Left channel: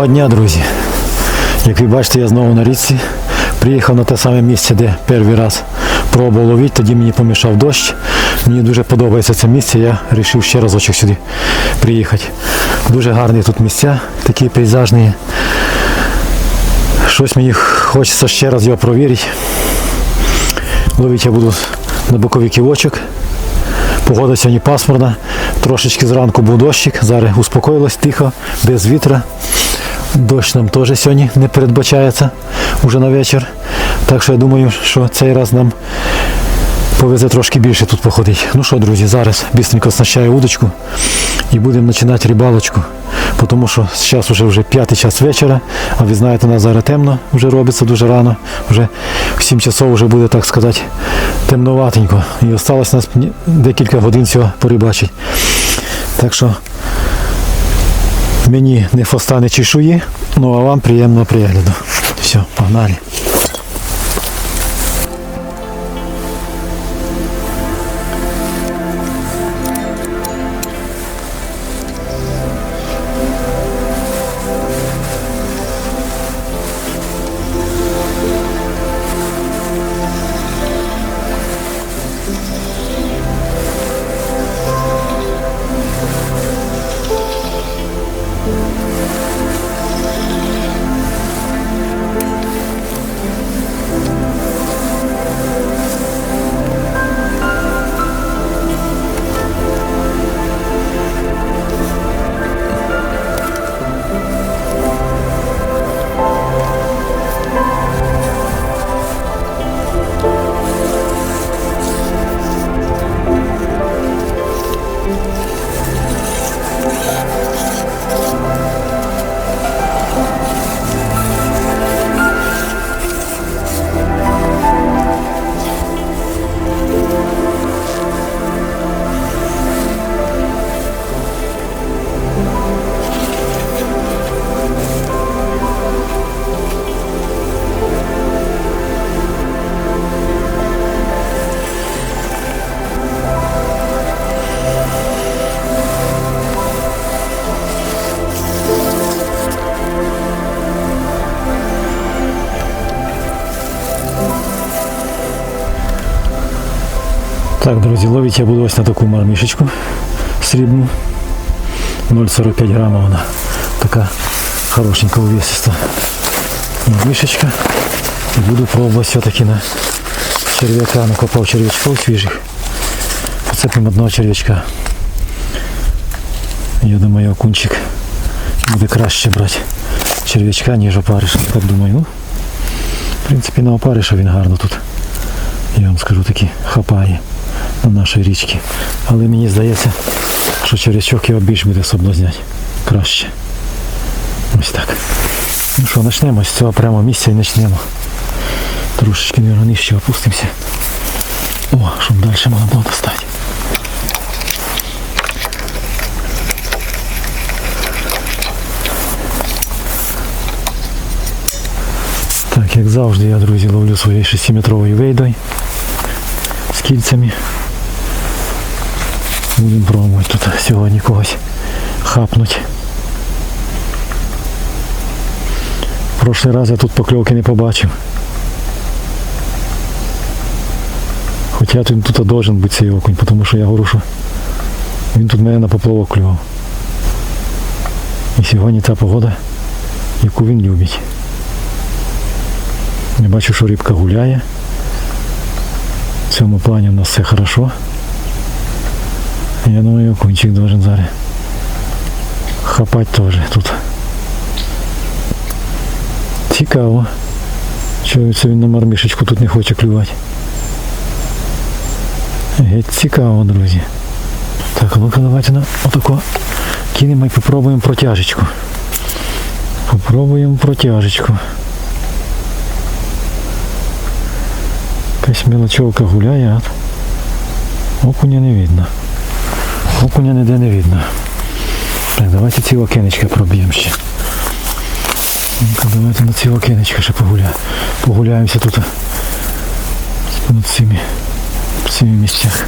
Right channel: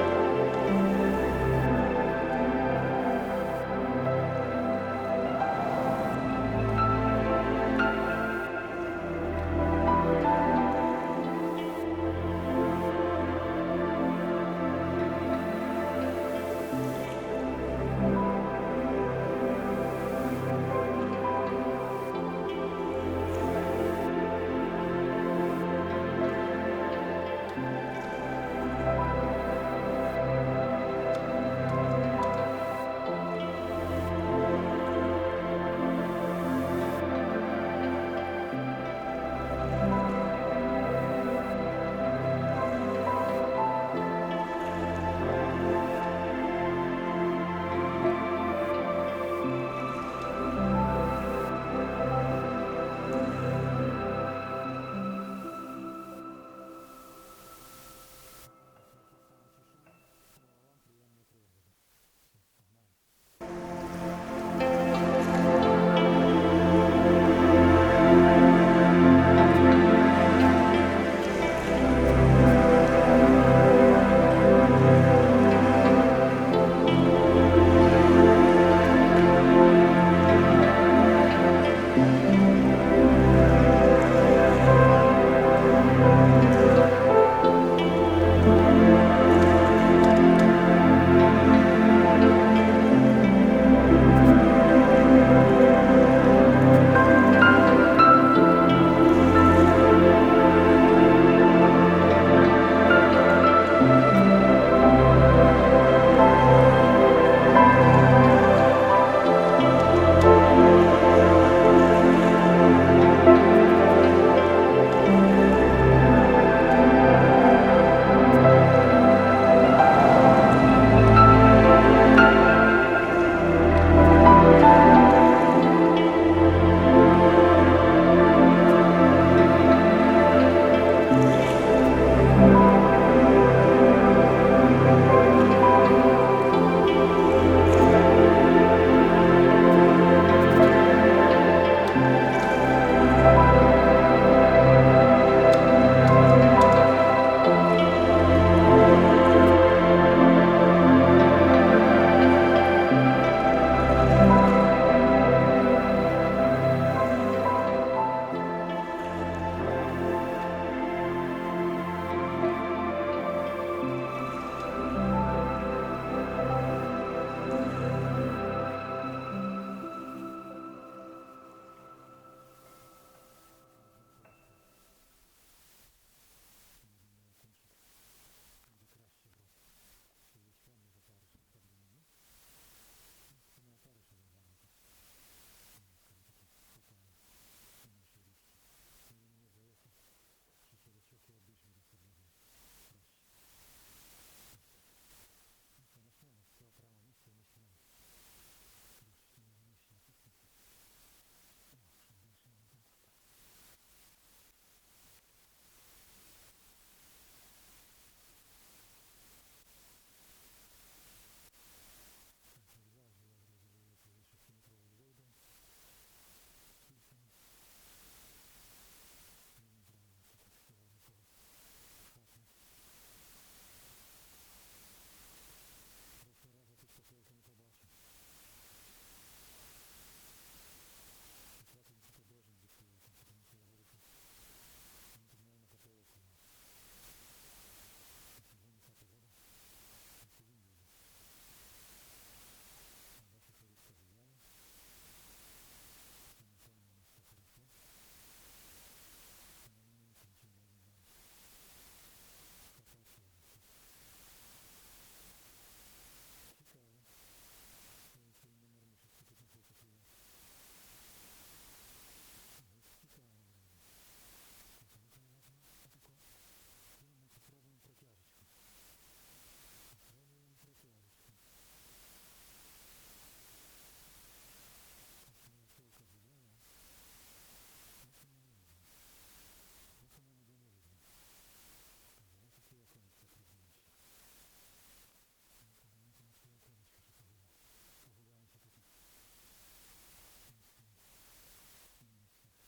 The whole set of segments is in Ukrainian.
Доброго дня, друзі. Як ви бачите, я знову на річці. Приїхав на те саме місце, де перший раз пробував ловити, тоді мені помішав дощ. Мені дуже подобається це місце, я вирішив ще разочок сюди приїхати. Дуже гарні тут місця, такі пейзажні. Щось мені хочеться ще раз його провірити. Ловити я буду на боковий ківочок. Погода сьогодні пасмурна, трошечки зранку був дощик, зараз успокоїлось тихо, без вітра. Дощ нам теж сьогодні не передбачається уже на вечір. Так що я думаю, що цей раз нам повезе трошки більше тут походити. Ну що, друзі, зараз бістренько оснащаю удочку і будемо починати рибалочку. Тому що зараз вже вже п'ятий час вечора, а ви знаєте, у нас зараз темно вже робиться дуже рано. Вже в 7 часов вже буде, так сказати, темноватенько. І осталось нас декілька годин цього порибачити. Так що мені не фоста, не чешуї, ну а вам приємного пригляду. Все, погнали. Друзі, ловить я буду ось на таку мармішечку срібну. 0,45 грамів вона. Така хорошенька увесиста мармішечка. І буду пробувати все-таки на черв'яка. Накопав черв'ячків свіжих. Поцепимо одного черв'ячка. Я думаю, окунчик буде краще брати черв'ячка, ніж опариша. Так думаю. Ну, в принципі, на опариша він гарно тут. Я вам скажу таки хапає на нашій річці. Але мені здається, що черв'ячок його більш буде соблазняти. Краще. Ось так. Ну що, почнемо з цього прямо місця і почнемо. Трошечки мабуть, нижче опустимося. О, щоб далі можна було достати. Так, як завжди, я, друзі, ловлю своєю 6-метровою вейдою з кільцями. Будемо пробувати тут сьогодні когось хапнуть. В прошлий раз я тут покльовки не побачив. Хоча він тут должен бути цей окунь, тому що я говорю, що він тут мене на поплавок клював. І сьогодні ця погода, яку він любить. Я бачу, що рибка гуляє. В цьому плані у нас все хорошо. Я думаю, окунчик должен зараз хапати теж тут. Цікаво. Чого це він на мармішечку тут не хоче клювати. Геть цікаво, друзі. Так, ну-ка давайте на отако кинемо і попробуємо протяжечку. Попробуємо протяжечку. Якась мелочовка гуляє, окуня не видно. Окуня ніде не видно. Так, давайте ці окенечка проб'ємо ще. Давайте на ці окенечка ще погуляємо. Погуляємося тут над цими, цими місцях.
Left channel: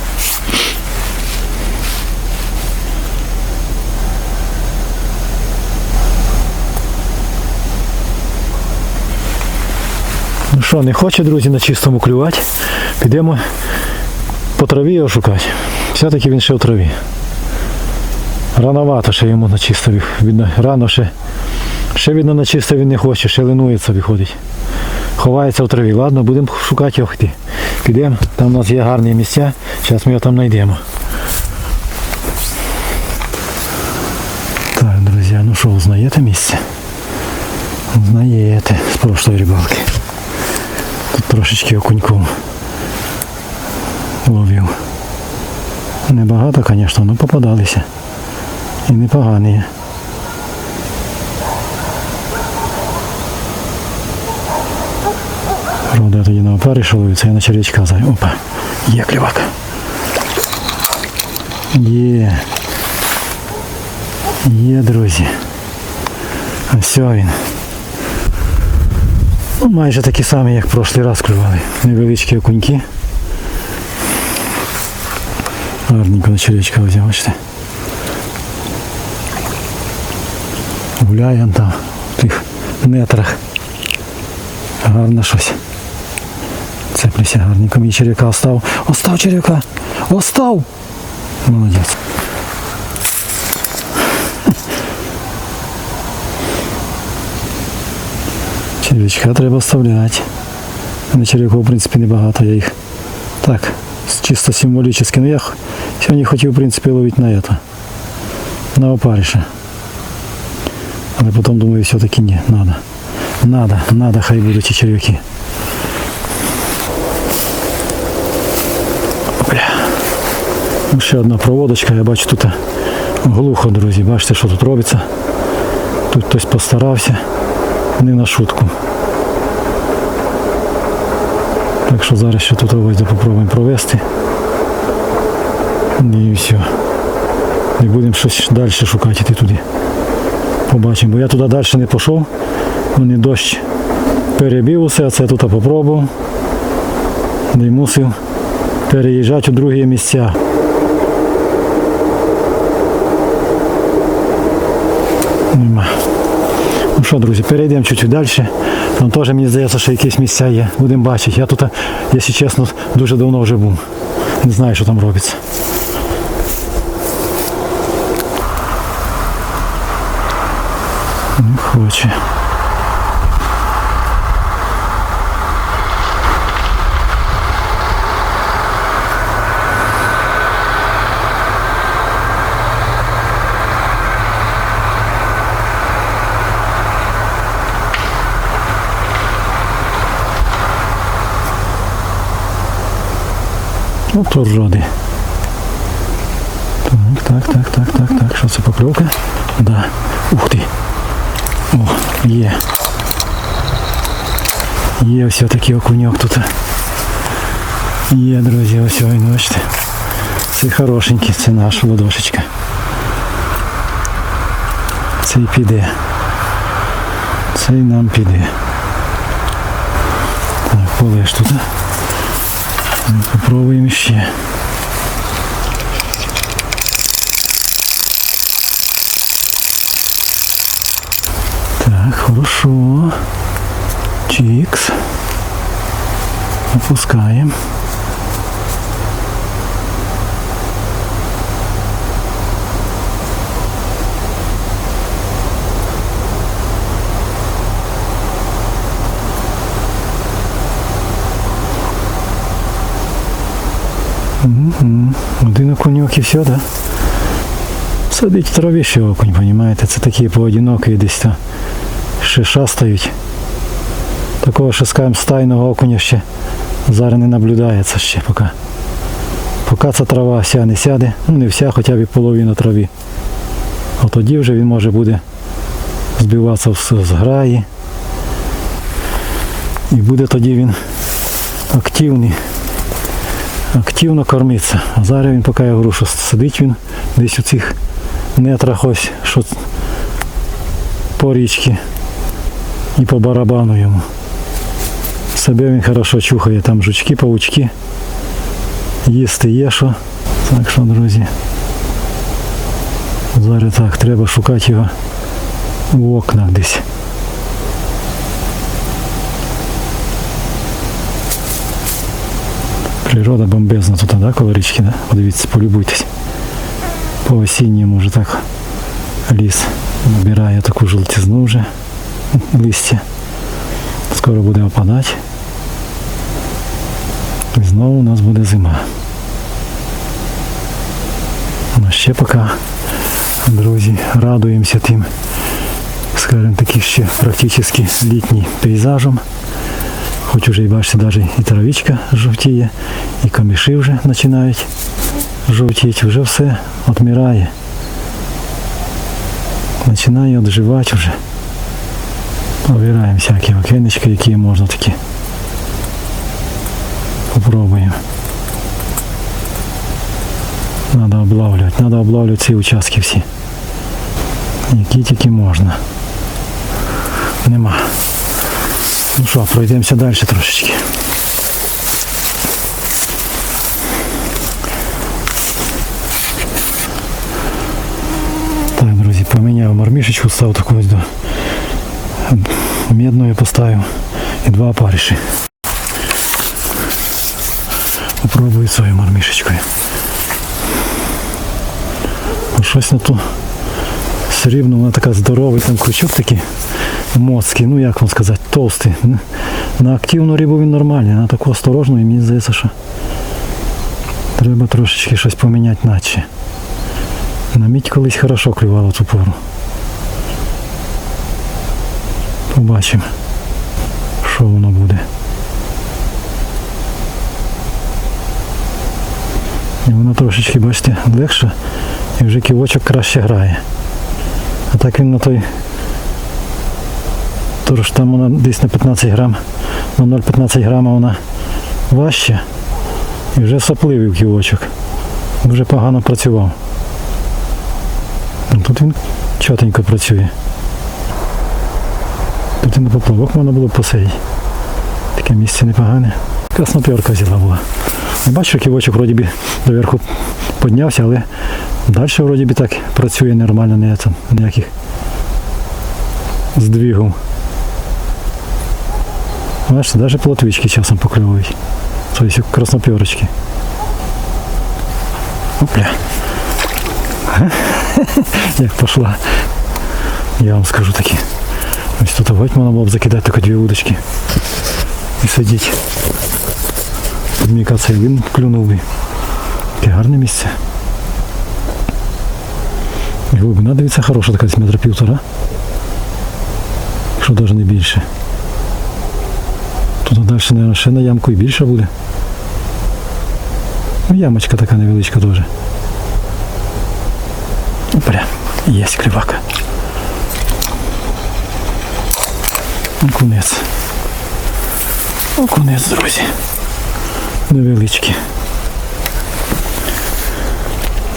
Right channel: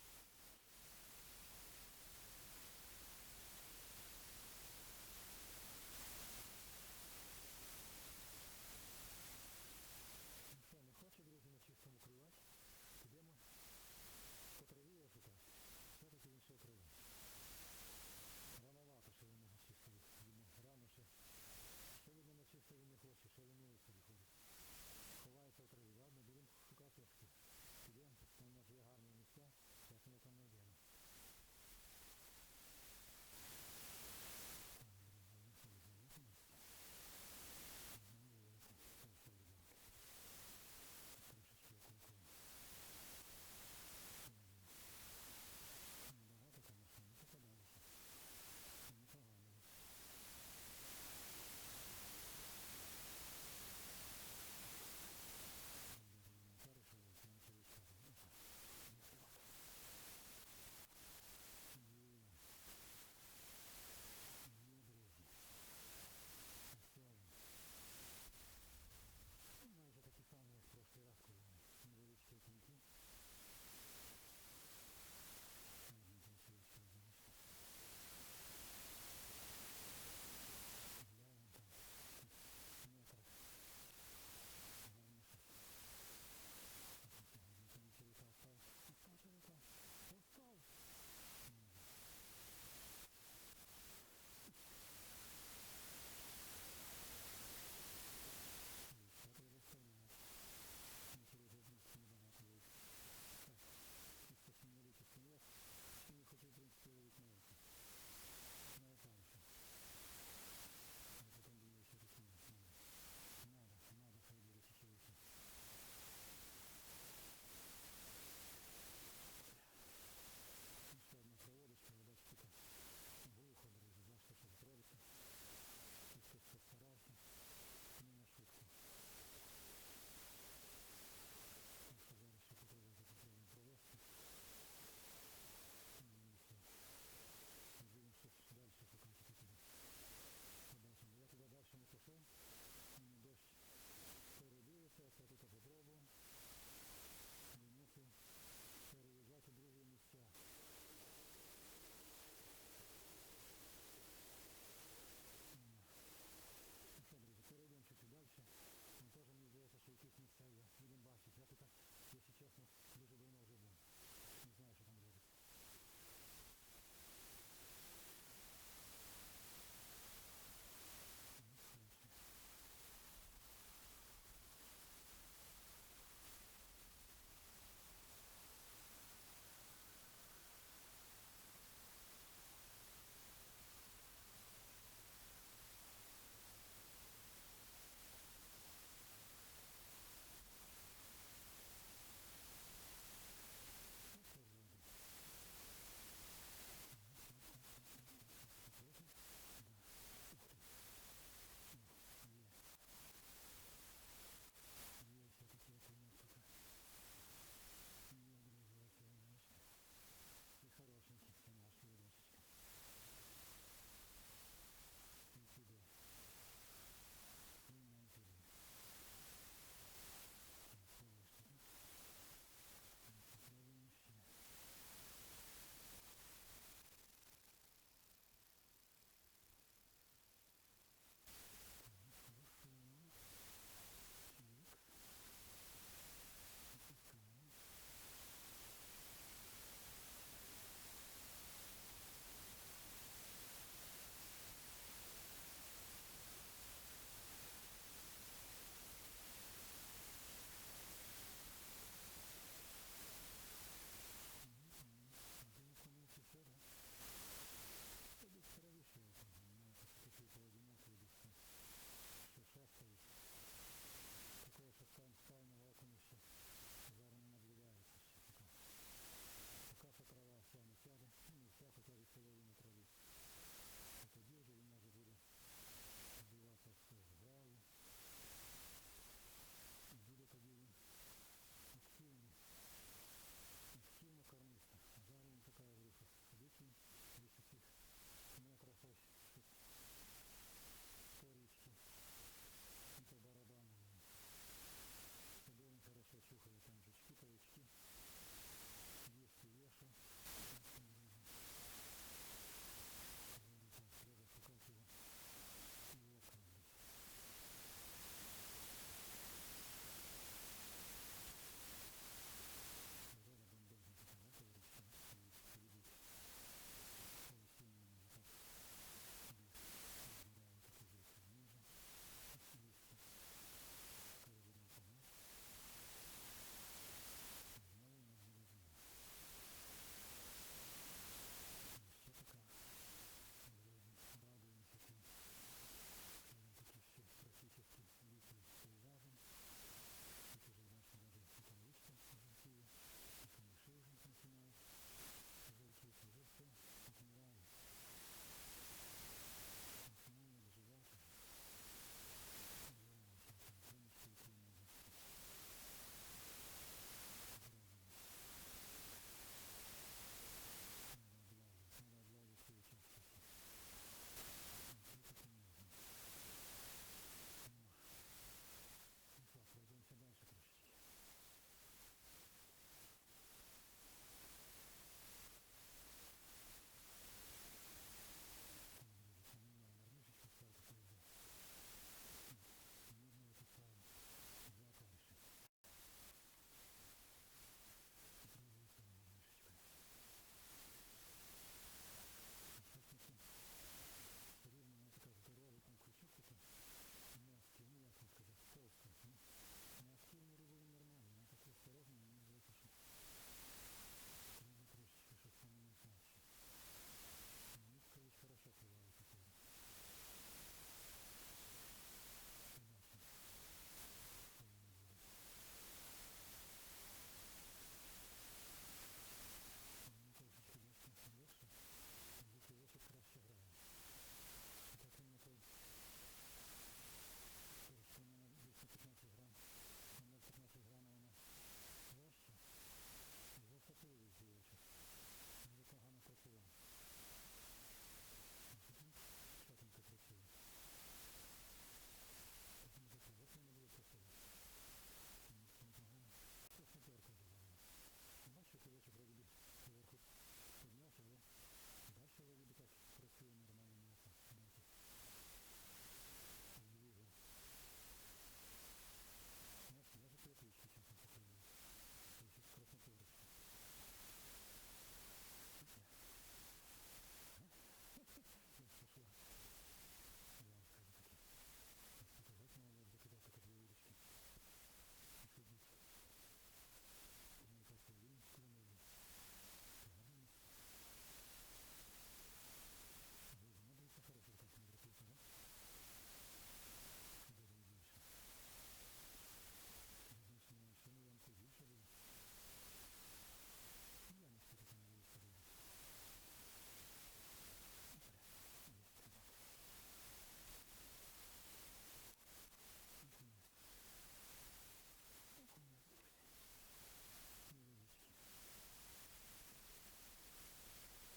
Ну що, не хоче, друзі, на чистому клювати. Підемо по траві його шукати. Все-таки він ще у траві. Рановато ще йому на чисто. Видно, рано ще. Ще видно на чисто він не хоче, ще линується виходить. Ховається в траві. Ладно, будемо шукати його. Підемо, там у нас є гарні місця, зараз ми його там знайдемо. Так, друзі, ну що, узнаєте місце? Узнаєте з прошлої рибалки. Тут трошечки окуньком ловив. Небагато, звісно, але попадалися. І непогані. Правда, я тоді на опарі ловиться, я на червячка зай. Опа, є клівак. Є. Є, друзі. Ось він. Ну, майже такі самі, як в прошлий раз клювали. Невеличкі окуньки. Гарненько на червячка взяв, бачите. Гуляє он там в тих нетрах. Гарно щось. Цеплюся гарненько. Мені червяка остав. Остав червяка. Остав. Молодець. Червячка треба вставляти. На червяку, в принципі, небагато. Я їх так, чисто символічно. Ну я сьогодні хотів, в принципі, ловити на это. На опариша. Але потім думаю, все-таки ні, надо. Надо, надо, хай будуть ці червяки. Бля. Ну, Ще одна проводочка, я бачу тут глухо, друзі. Бачите, що тут робиться. Тут хтось постарався. Не на шутку. Так що зараз ще тут ось попробуємо провести. І все. І будемо щось далі шукати туди. Побачимо. Бо я туди далі не пішов. Вони дощ перебив усе, а це тут попробував. І мусив переїжджати у другі місця. Нема. Ну що, друзі, перейдемо чуть-чуть далі. Там теж мені здається, що якісь місця є. Будемо бачити. Я тут, якщо чесно, дуже давно вже був. Не знаю, що там робиться. Не хоче. Ну, то роди. Так, так, так, так, так, так. Що це покльовка? Да. Ух ти. О, є. Є ось такий окуньок тут. Є, друзі, ось він, бачите. Це хорошенький, це наш ладошечка. Цей піде. Цей нам піде. Так, полеж тут. Ну, Попробуємо ще. Так, хорошо. Чикс. Опускаем. Мгм. Один окуньок і все, да? Сидить в траві ще окунь, розумієте? Це такі поодинокі десь там Ще шастають. Такого ще скажімо, стайного окуня ще зараз не наблюдається ще поки. Поки ця трава вся не сяде, ну не вся, хоча б і половина трави. А тоді вже він може буде збиватися в- з граї. І буде тоді він активний активно кормиться. А зараз він, поки я говорю, що сидить він десь у цих нетрах ось, що по річці і по барабану йому. Себе він хорошо чухає, там жучки, паучки. Їсти є що. Так що, друзі. Зараз так, треба шукати його в окнах десь. Природа бомбезна тут, да, коло річки, да? Подивіться, полюбуйтесь. По осінньому вже так ліс набирає таку жовтизну вже Листя. Скоро буде опадати. І знову у нас буде зима. Ну ще поки, друзі, радуємося тим, скажімо, таким ще практично літнім пейзажем. Хоч уже і бачите, навіть і травичка жовтіє, і каміші вже починають жовтіти, вже все відмирає. Починає відживати вже. Обираємо всякі окенечки, які можна такі. Попробуємо. Надо облавлювати, надо облавлювати ці участки всі. Які тільки можна. Нема. Ну що, пройдемося далі трошечки. Так, друзі, поміняв мармішечку, став таку ось до медною поставив і два опариші. Попробую свою мармішечкою. Ну, Щось на ту срібну, вона така здоровий, там крючок такий моцький, ну як вам сказати, толстий. На активну рибу він нормальний, на таку осторожну і мені здається, що треба трошечки щось поміняти наче. На мідь колись хорошо клювало ту пору. Побачимо, що воно буде. І воно трошечки, бачите, легше і вже ківочок краще грає. А так він на той Тож там вона десь на 15 грам, на 0,15 грама вона важча і вже сопливий ківочок. Вже погано працював. Ну, Тут він чотенько працює. Тут на поплавок можна було посидіти. Таке місце непогане. Красноперка взяла була. Не бачу, ківочок вроді би доверху піднявся, але далі вроді би так працює нормально, не там, ніяких здвигів. Бачите, навіть плотвички часом покльовують. Тобто красноперочки. Опля. Як пошла. Я вам скажу таки. Ось тут гать можна було б закидати тільки дві удочки. І сидіти. Тут мені кажеться, він клюнув би. Таке гарне місце. І глибина, дивіться, хороша така десь метра півтора. Якщо навіть не більше. Тут далі, мабуть, ще на ямку і більше буде. Ну, ямочка така невеличка теж. Опля, є клівака. Окунець. Окунець, друзі. Невеличкі.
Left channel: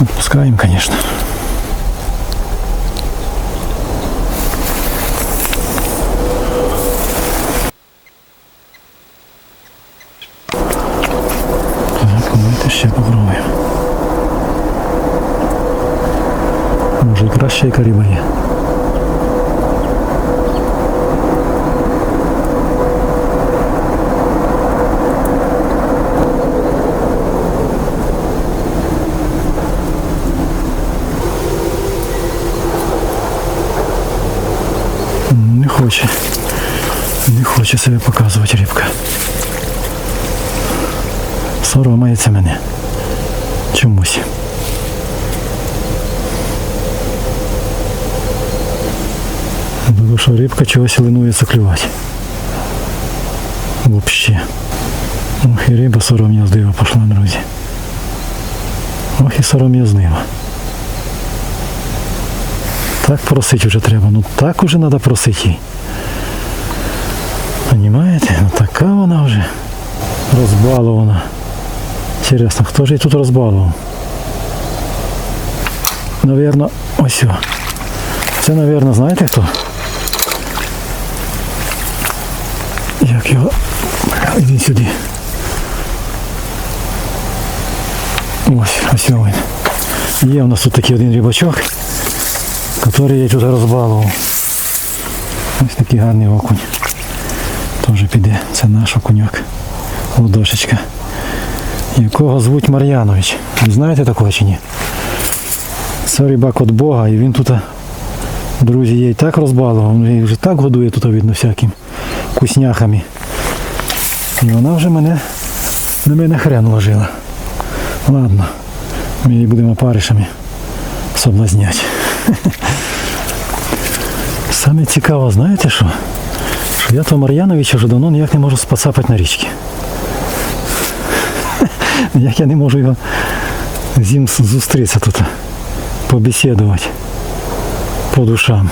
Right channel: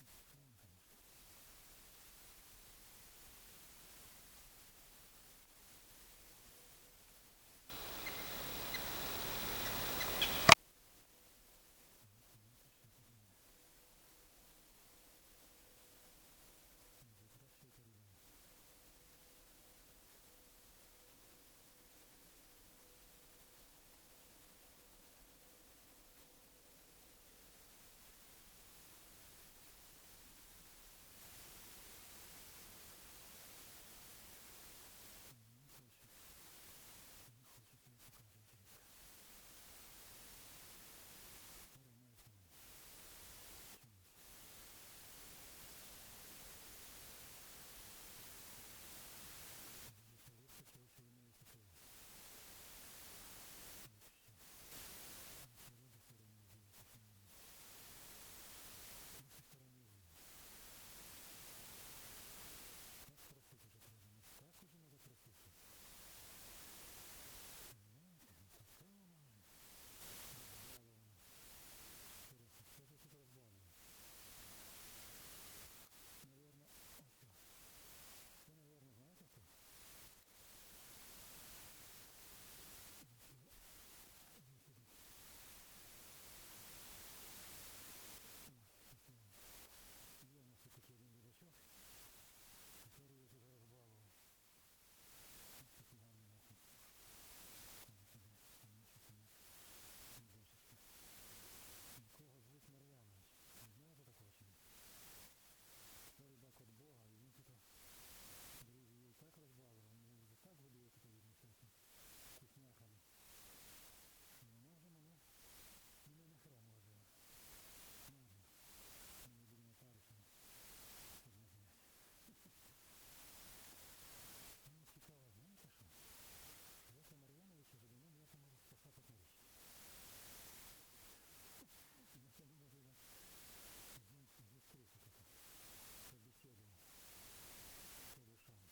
Отпускаємо, звісно. Так, давайте ще попробуємо. Може і краще яка риба є. Хоче. Не хоче себе показувати рибка. Соромається мене. Чомусь. Тому що рибка чогось линується клювати. Вообще. Ох, і риба сором'язлива пішла, друзі. Ох і сором'язлива. Так просить уже треба. Ну так уже треба просити їй. Понімаєте? Ну така вона вже розбалована. Інтересно, хто ж її тут розбалував? Навірно, ось. о. Це, навірно, знаєте хто? Як його. Іди сюди. Ось, ось він. Є у нас тут такий один рибачок, який я тут розбалував. Ось такий гарний окунь. Теж піде. Це наш окуньок. Ладошечка. якого звуть Мар'янович. Ви знаєте такого чи ні? Це рибак від Бога, і він тут, друзі, її так розбалував, він вже так годує тут, видно, всяким вкусняхами. І вона вже мене на мене хрен ложила. Ладно, ми її будемо паришами соблазняти. Саме цікаво, знаєте що? Що я того Мар'яновича вже давно ніяк не можу спасапати на річці. Як я не можу його з ним зустрітися тут, побесідувати по душам.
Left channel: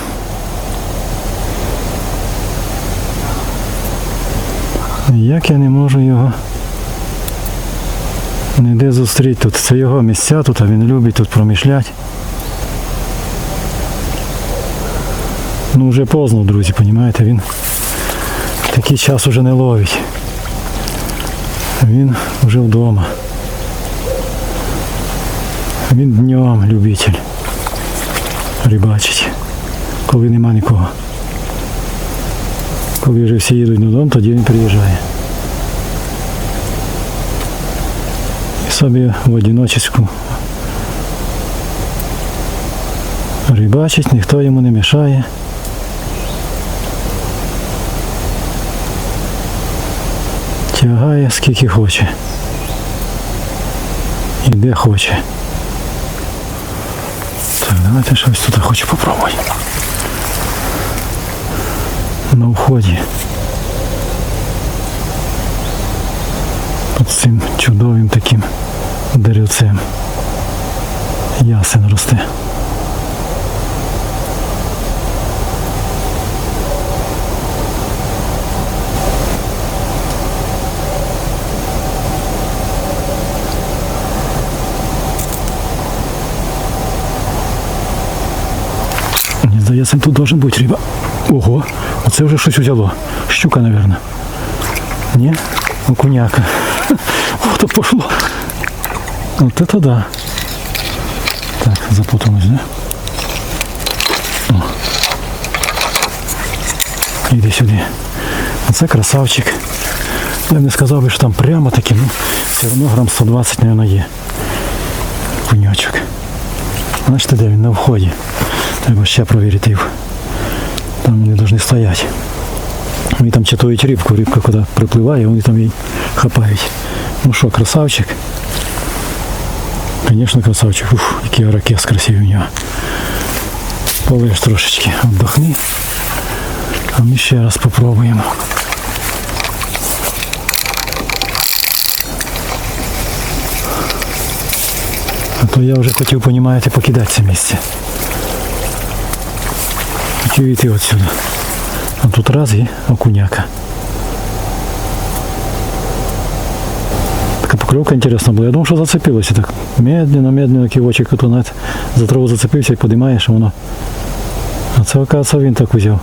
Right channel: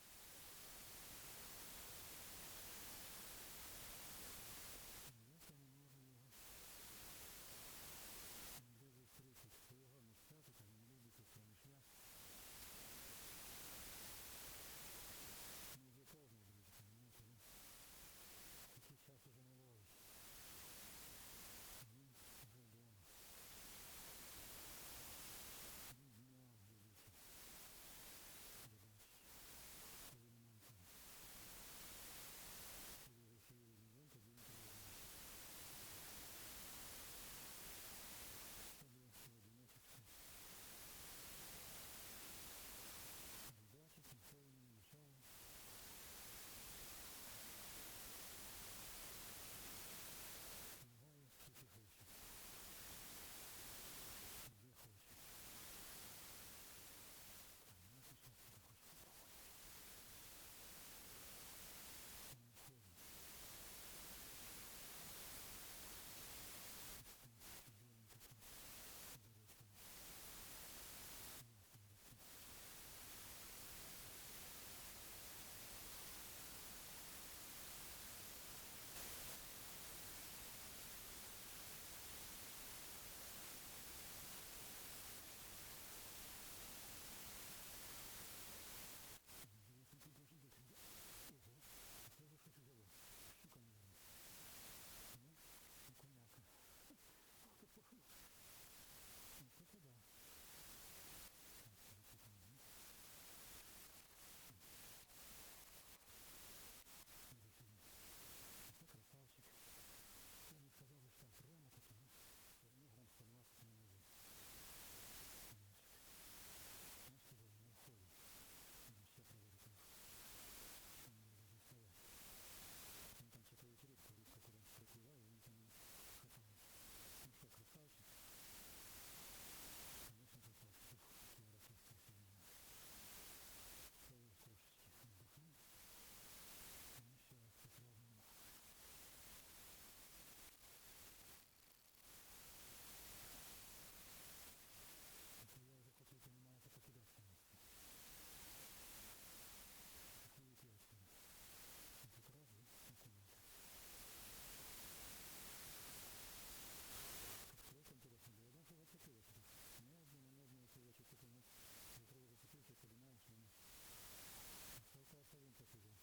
Як я не можу його ніде зустріти тут. Це його місця тут, а він любить тут промишляти. Ну вже поздно, друзі, розумієте, він такий час уже не ловить. Він вже вдома. Він днем любитель рибачить, коли нема нікого. Коли вже всі їдуть додому, тоді він приїжджає. І собі в одиночеству рибачить, ніхто йому не мішає. Тягає скільки хоче. І де хоче. Так, давайте щось тут хочу попробувати. На вході. Під цим чудовим таким деревцем. Ясен росте. Мені здається, тут должен бути риба. Ого, оце вже щось взяло. Щука, мабуть. Ні? Окуняка. Ох, то пошло. Вот это да. Так, запуталось, да? О. Іди сюди. Оце красавчик. Я б не сказав би, що там прямо таки, ну, все одно грам 120, мабуть, є. Куньочок. Бачите, де він на вході. Треба ще провірити їх. Там вони повинні стояти. Вони там чатують рибку, рибка куди припливає, вони там її хапають. Ну що, красавчик. Звісно, красавчик. Уф, який ракет красивий у нього. Полиш трошечки, віддохни. А ми ще раз спробуємо. А то я вже хотів, понімаєте, покидати це місце. Хотів йти отсюда. А тут раз і окуняка. Така поклевка интересна була. Я думав, що зацепилося так. Медленно, медленно кивочок тут навіть за траву зацепився і подимаєш, а воно. А це, оказывается, він так взяв.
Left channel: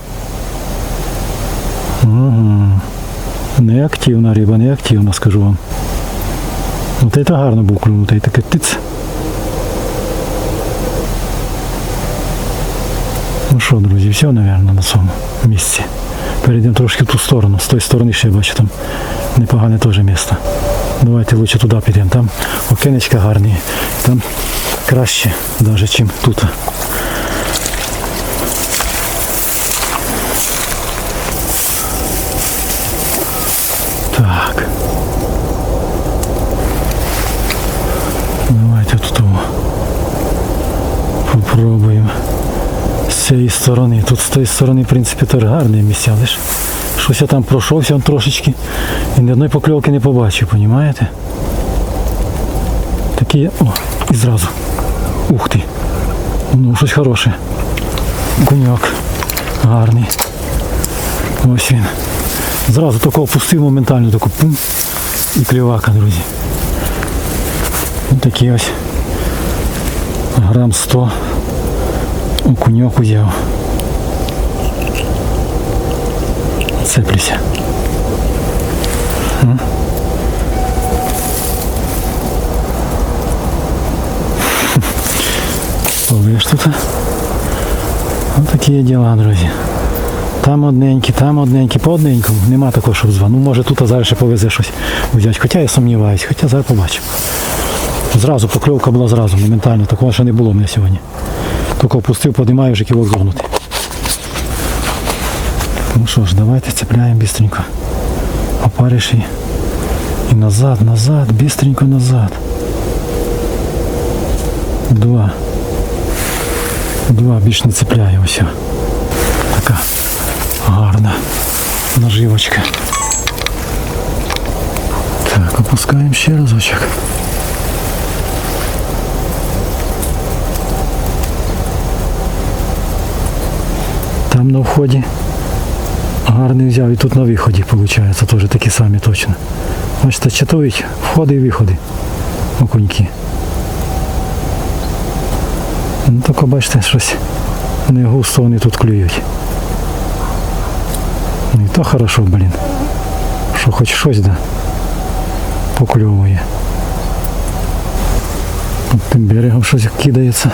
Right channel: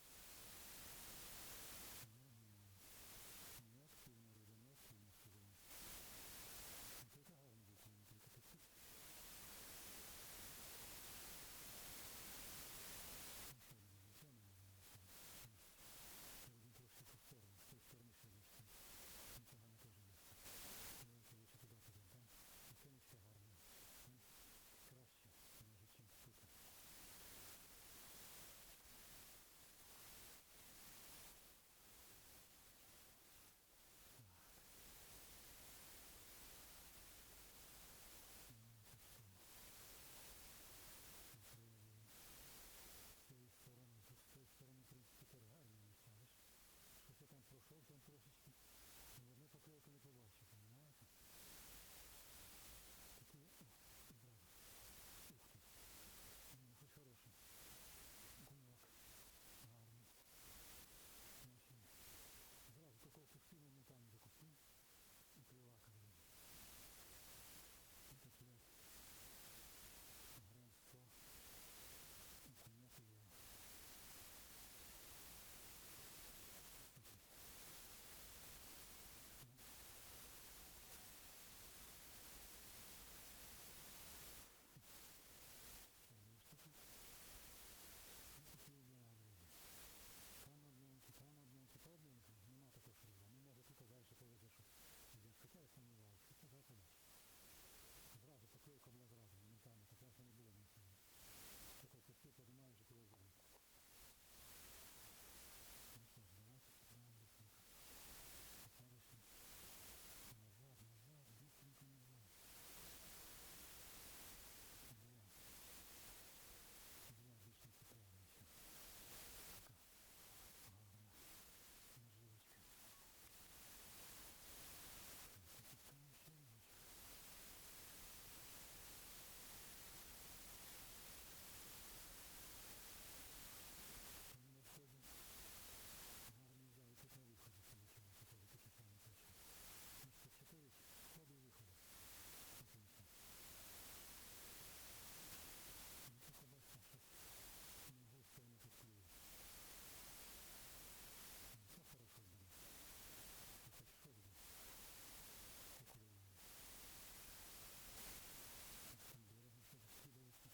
Угу. Неактивна риба, неактивна, скажу вам. От це гарно був клюнутий, таке тиц. Ну що, друзі, все, мабуть, на цьому місці. Перейдемо трошки в ту сторону. З тої сторони ще я бачу там непогане теж місце. Давайте лучше туди підемо. Там окенечка гарні. Там краще, навіть, ніж тут. Так. Давайте тут о, попробуємо з цієї сторони. Тут з тієї сторони, в принципі, теж гарні місця, лиш щось я там пройшовся трошечки і ні одної покльовки не побачив, розумієте? Такі, о, і зразу. Ух ти. Ну, щось хороше. Гуньок. Гарний. Ось він. Зразу такого пустив моментально, таку пум. І клівака, друзі. Ось такий ось грам 100 окуньок узяв. Цеплюся. М? Тут. Ось такі діла, друзі. Там одненькі, там одненькі, по одненькому. Нема такого, щоб два. Ну може тут зараз ще повезе щось взяти. Хоча я сумніваюся, хоча зараз побачимо. Зразу покльовка була зразу, моментально. Такого ще не було в мене сьогодні. Тільки опустив, подимаю, вже кілок зогнутий. Ну що ж, давайте цепляємо бістренько. Опариш і назад, назад, бістренько назад. Два. Два більш не цепляє ось. Така гарна наживочка. Так, опускаємо ще разочок. Там на вході гарний взяв і тут на виході, виходить, теж такі самі точно. Бачите, читують входи і виходи окуньки. Ну тільки бачите, щось не густо вони тут клюють. Ну і то хорошо, блін. Що хоч щось да покльовує. Тим берегом щось кидається.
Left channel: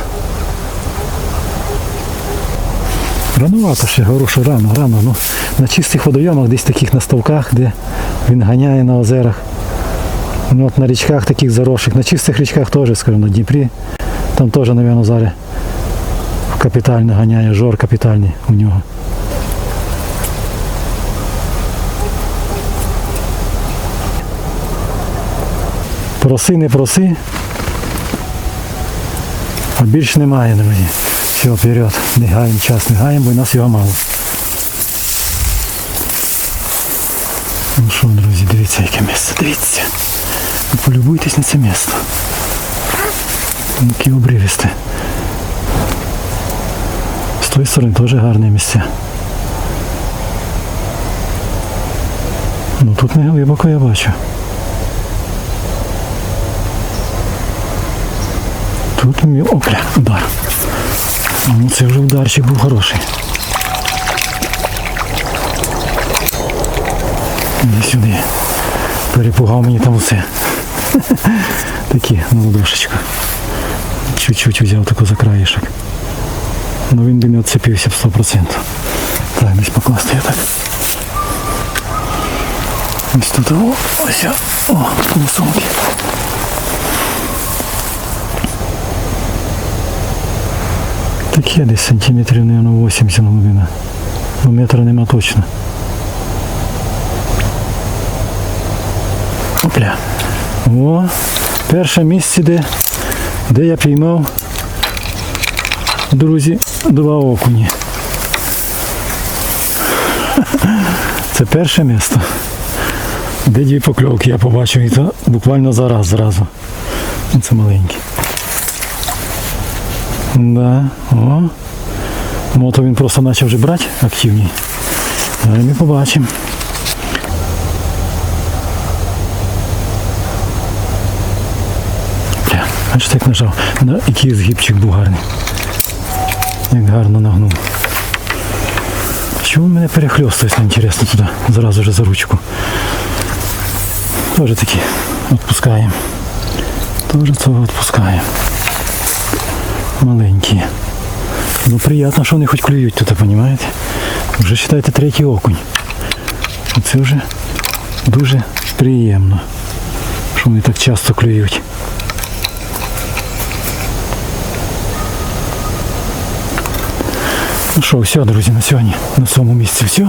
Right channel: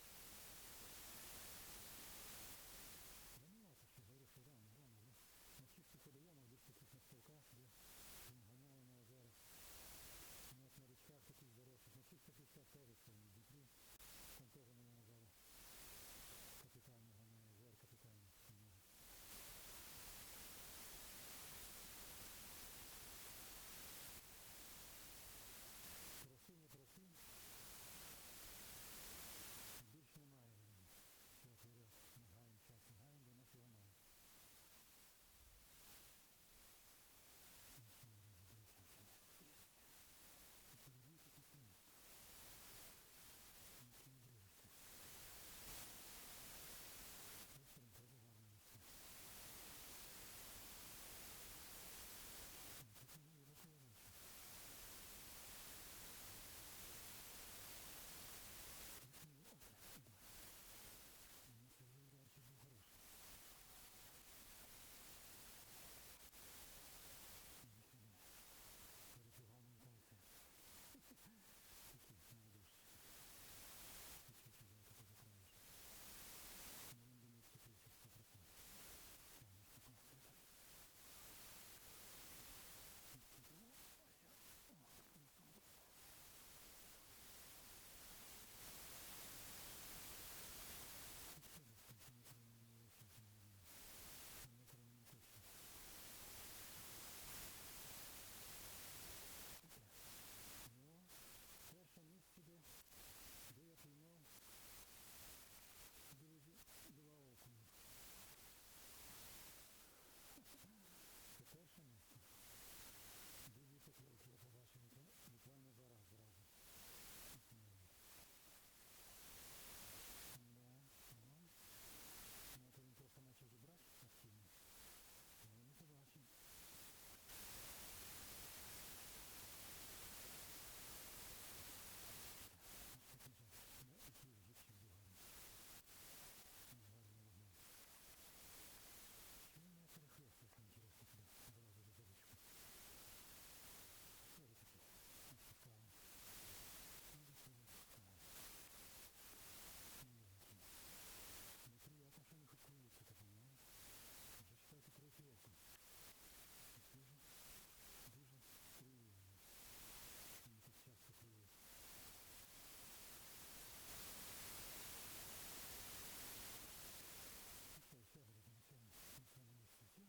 Ранувато ще, говорю, що рано, рано. Ну, на чистих водойомах, десь таких на ставках, де він ганяє на озерах. Ну, от на річках таких заросших, на чистих річках теж, скажімо, на Дніпрі. Там теж, мабуть, зараз капітально ганяє, жор капітальний у нього. Проси, не проси. А більш немає, друзі. Все, вперед. Не гаємо час, не гаємо, бо нас його мало. Ну що, друзі, дивіться, яке місце, дивіться. Полюбуйтесь на це місце. Яке обривісте. З тої сторони теж гарне місце. Ну тут не глибоко я бачу. Тут мій опля, удар. Ну це вже ударчик був хороший. Іди сюди. Перепугав мені там усе. Такі, на ладошечку. Чуть-чуть взяв таку за краєшок. Ну він би не відцепився в 100%. Так, десь покласти я так. Ось тут, о, ось, о, о, Таке десь сантиметрів, мабуть, 80 глибина. Ну, метра нема точно. Опля. О, перше місце, де, де я піймав, друзі, два окуні. Це перше місце. Де дві покльовки я побачив, і то буквально зараз зразу. Це маленькі. Да, о. Мото він просто почав вже брати активні. Зараз ми побачимо. Бачите, як нажав. На, який згибчик був гарний. Як гарно нагнув. Чому мене перехльостується, інтересно, туди, зразу же за ручку. Тоже такі відпускаємо. Тоже цього відпускаємо. Маленькі. Ну приємно, що вони хоч клюють тут, розумієте? Вже вважайте третій окунь. Це вже дуже приємно, що вони так часто клюють. Ну що, все, друзі, на сьогодні на цьому місці все.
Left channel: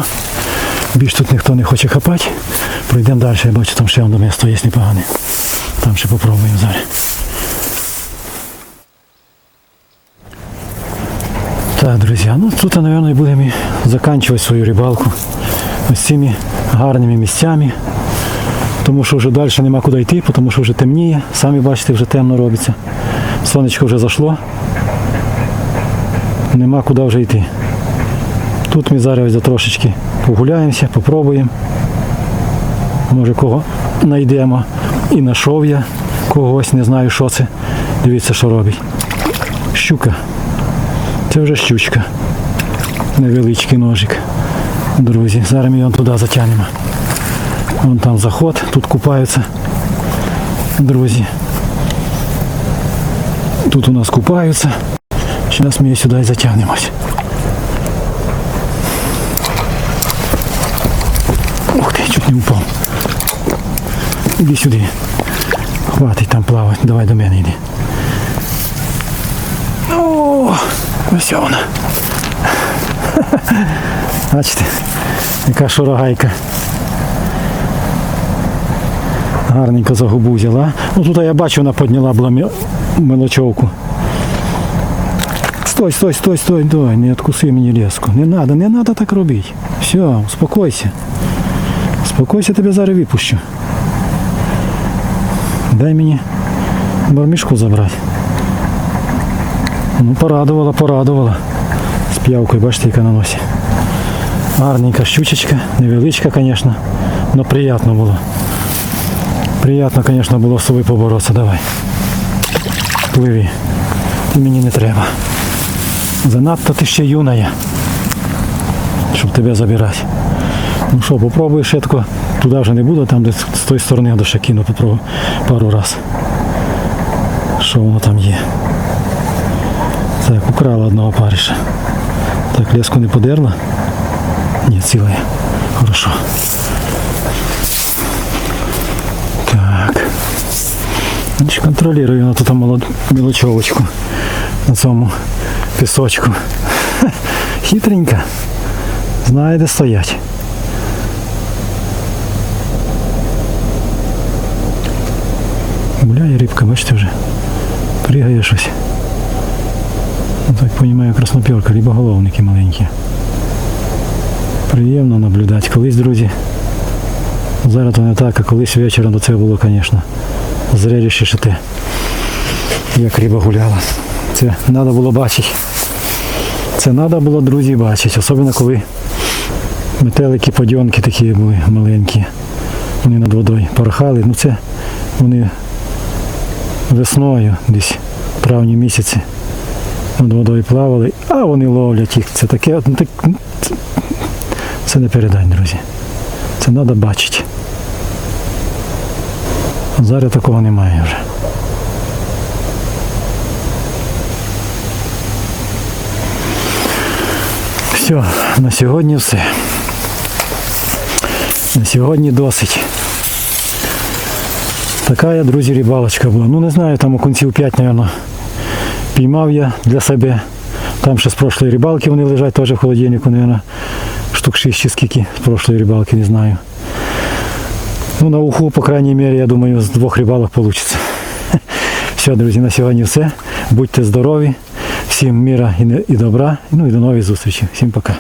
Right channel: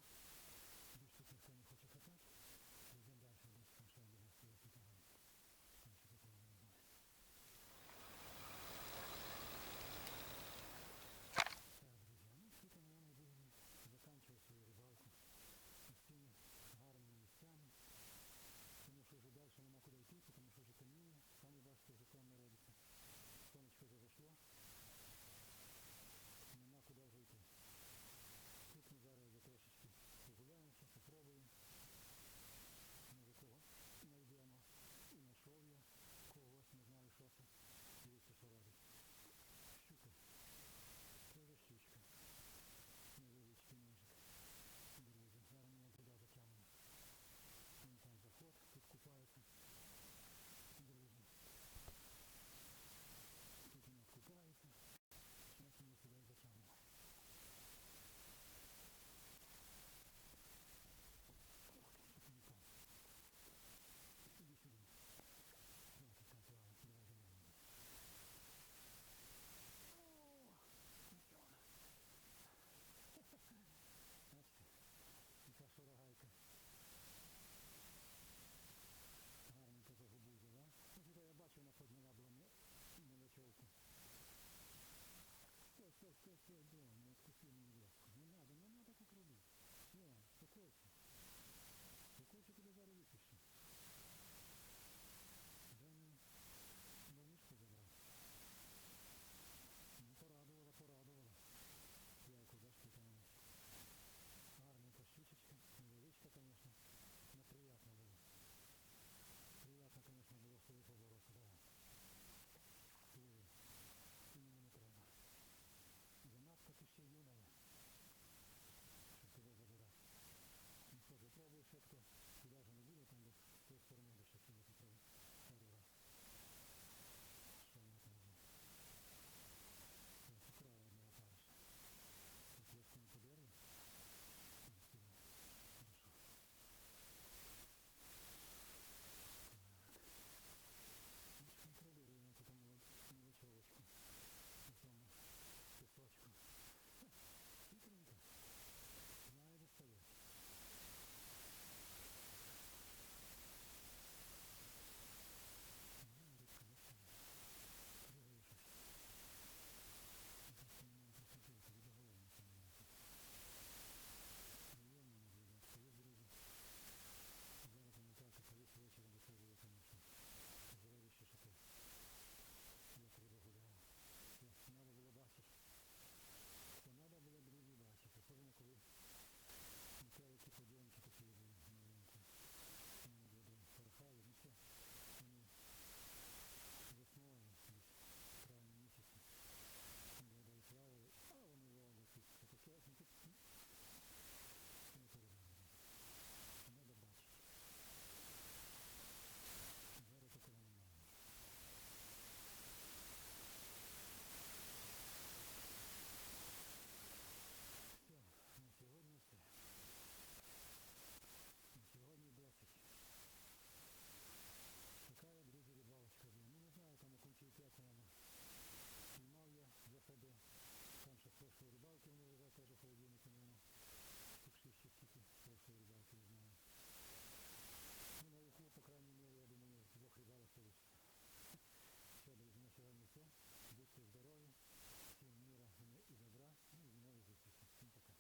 Більш тут ніхто не хоче хапати. Пройдемо далі, я бачу, там ще одне місто є непогане. Там ще попробуємо зараз. Так, друзі, ну тут, мабуть, будемо і закінчувати свою рибалку ось цими гарними місцями. Тому що вже далі нема куди йти, тому що вже темніє. Самі бачите, вже темно робиться. Сонечко вже зайшло. Нема куди вже йти. Тут ми зараз трошечки погуляємося, попробуємо. Може кого знайдемо. І знайшов я когось, не знаю що це. Дивіться, що робить. Щука. Це вже щучка. Невеличкий ножик. Друзі, зараз ми його туди затягнемо. Вон там заход, тут купаються. Друзі. Тут у нас купаються. Зараз ми її сюди і затягнемось. Ух ти, чуть не впав. Іди сюди. Хватить там плавати. Давай до мене йди. Ось вона. Бачите, яка шорогайка. Гарненько за губу взяла. Ну тут я бачу, вона підняла була мелочовку. Стой, стой, стой, стой, стой, не откуси мені леску. Не надо, не надо так робити. Все, успокойся. Успокойся, тебе зараз випущу. Дай мені бармішку забрати. Ну, порадувала, порадувала. З п'явкою, бачите, яка на носі. Гарненька щучечка, невеличка, звісно, але приємно було. Приємно, звісно, було з собою поборотися. Давай. Пливи. Ти мені не треба. Занадто ти ще юная, щоб тебе забирати. Ну що, попробуй тако. Туди вже не буду, там де з тої сторони до кину попробую пару раз. Що воно там є. Так, украла одного париша. Так, леску не подерла. Ні, ціла є. Хорошо. Так. Значить, контролюю на тут молод... мілочовочку на цьому пісочку. Хитренька. Знає, де стоять. Гуляє рибка, бачите вже. Пригає щось. Ну, Так розумію, красноперка, рибоголовники маленькі. Приємно наблюдати. Колись, друзі, зараз то не так, а колись вечором до цього було, звісно, зрелище ще те, як риба гуляла. Це треба було бачити. Це треба було, друзі, бачити. Особливо коли метелики, подьонки такі були маленькі. Вони над водою порхали. Ну це вони весною, десь в травні місяці над водою плавали, а вони ловлять їх. Це таке, ну, так, ну, це, не передань, друзі. Це треба бачити. Зараз такого немає вже. Все, на сьогодні все. На сьогодні досить. Така друзі, рибалочка була. Ну не знаю, там окунців 5, мабуть, піймав я для себе. Там ще з прошлої рибалки вони лежать теж в холодильнику, мабуть, штук 6 чи скільки з прошлої рибалки, не знаю. Ну, на уху, по крайній мірі, я думаю, з двох рибалок вийде. Все, друзі, на сьогодні все. Будьте здорові, всім міра і не- і добра. Ну і до нових зустрічей. Всім пока.